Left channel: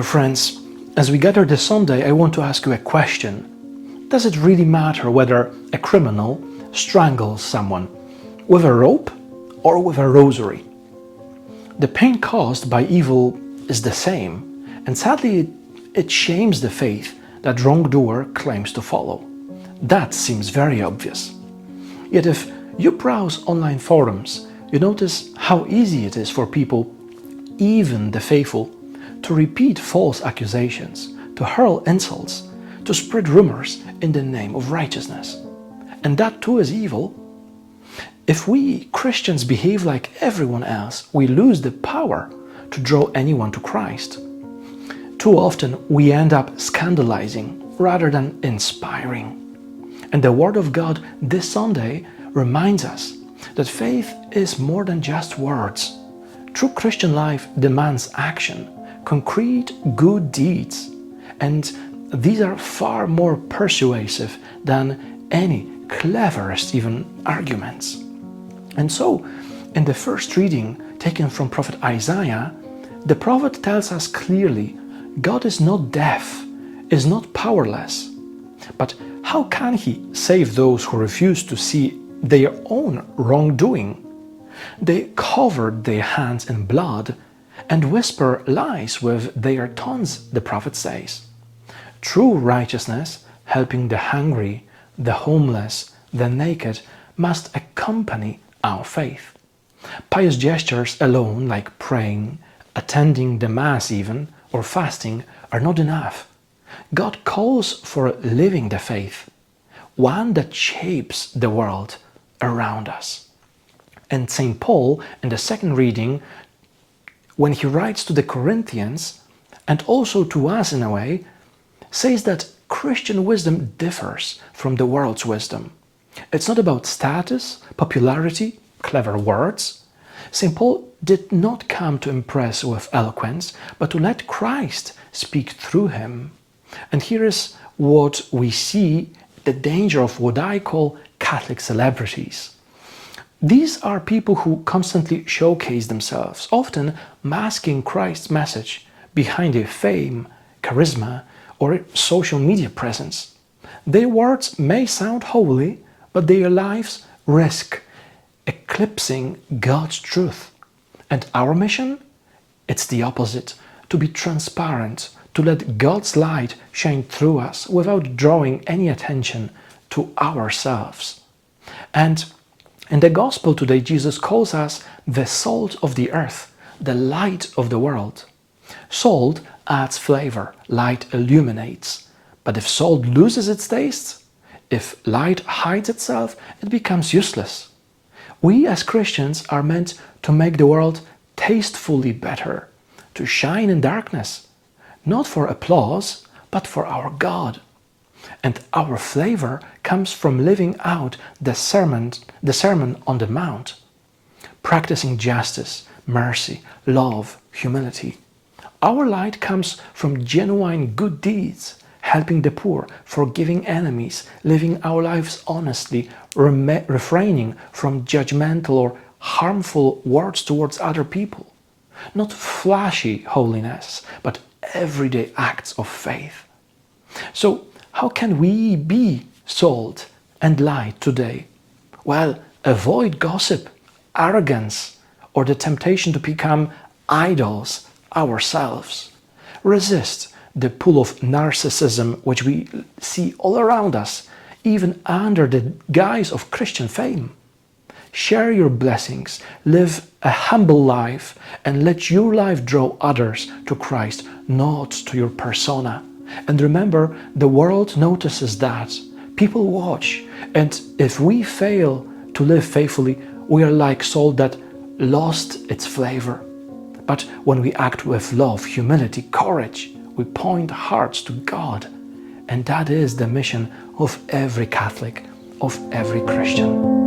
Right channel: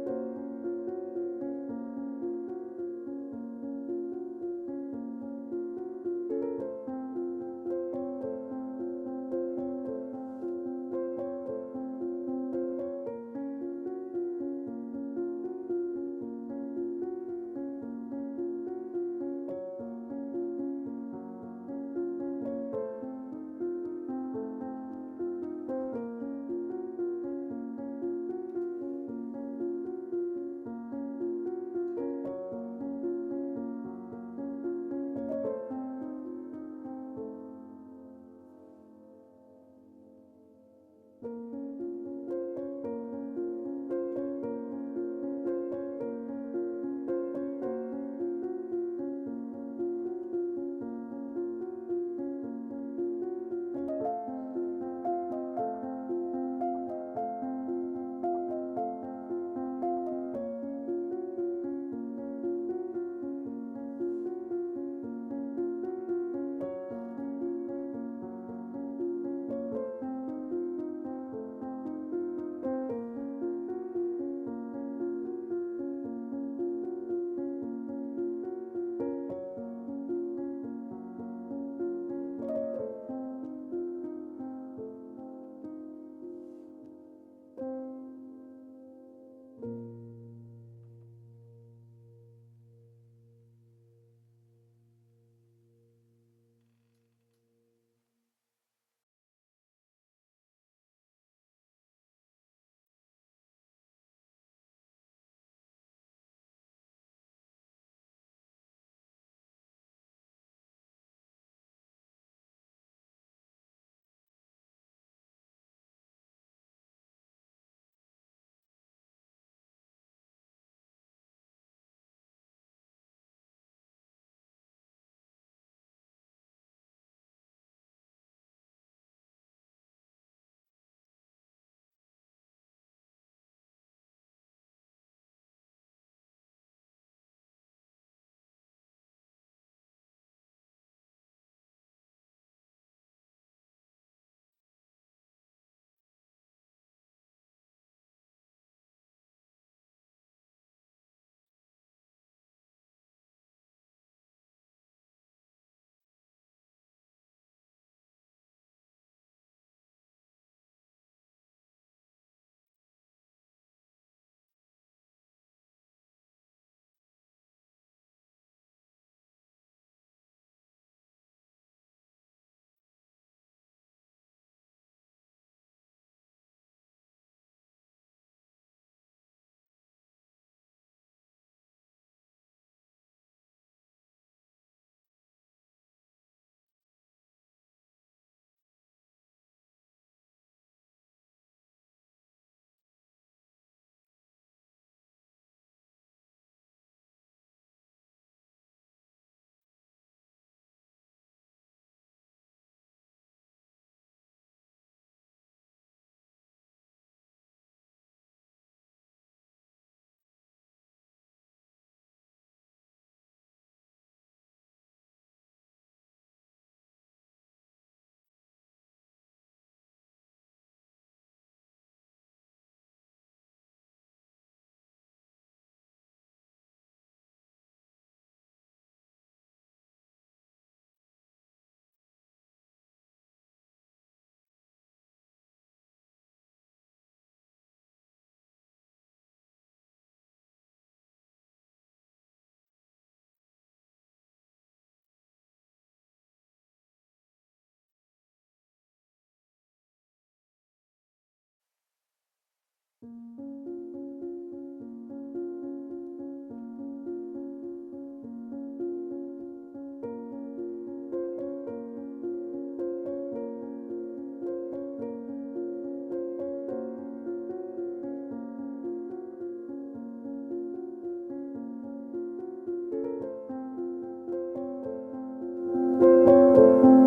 Dear friends, as we gather this Sunday, I want to ask you a question. Does it really matter whether a criminal strangles someone with a rope or with a rosary? The pain caused by evil is the same, and sadly it shames the faith that wrongdoer claims to follow. That seems very obvious. Yet if you browse online forums, you notice how easy it is for people, even the faithful, to repeat false accusations, to hurl insults, to spread rumors in the name of righteousness. And that too is evil. If we Christians behave like everyone else, we lose the power to draw anyone to Christ. Too often we end up scandalizing rather than inspiring. And the Word of God this Sunday reminds us that faith is more than just words. True Christian life demands action, concrete good deeds, and these are far more persuasive than any cleverest even arguments. And so, in the first reading taken from Prophet Isaiah, the prophet tells us clearly, God is not deaf, is not powerless. But how can He save those who refuse to see their own wrongdoing? They covered their hands in blood and whisper lies with their tongues, the prophet says. True righteousness, helping the hungry, the homeless, the naked, must accompany our faith. Pious gestures alone, like praying, attending the Mass even, or fasting, are not enough. God calls for living the faith, one that shapes the world around us. And St. Paul, in the second reading, when he writes to the Corinthians, and also to us in a way, says that Christian wisdom differs from the world's wisdom. It's not about status, popularity, clever words. St. Paul did not come to impress with eloquence, but to let Christ speak through him. And here is what we see, the danger of what I call Catholic celebrities. These are people who constantly showcase themselves, often masking Christ's message behind their fame, charisma, or social media presence. Their words may sound holy, but their lives risk eclipsing God's truth. And our mission? It's the opposite, to be transparent, to let God's light shine through us without drawing any attention to ourselves. And in the Gospel today, Jesus calls us the salt of the earth, the light of the world. Salt adds flavor, light illuminates. But if salt loses its taste, if light hides itself, it becomes useless. We as Christians are meant to make the world tastefully better, to shine in darkness, not for applause, but for our God. And our flavor comes from living out the Sermon on the Mount, practicing justice, mercy, love, humility. Our light comes from genuine good deeds, helping the poor, forgiving enemies, living our lives honestly, refraining from judgmental or harmful words towards other people. Not flashy holiness, but everyday acts of faith. So, how can we be salt and light today? Well, avoid gossip, arrogance, or the temptation to become idols ourselves. Resist the pull of narcissism which we see all around us, even under the guise of Christian fame. Share your blessings, live a humble life, and let your life draw others to Christ, not to your persona. And remember, the world notices that. People watch, and if we fail to live faithfully, we are like salt that lost its flavor. But when we act with love, humility, courage, we point hearts to God. And that is the mission of every Catholic, of every Christian.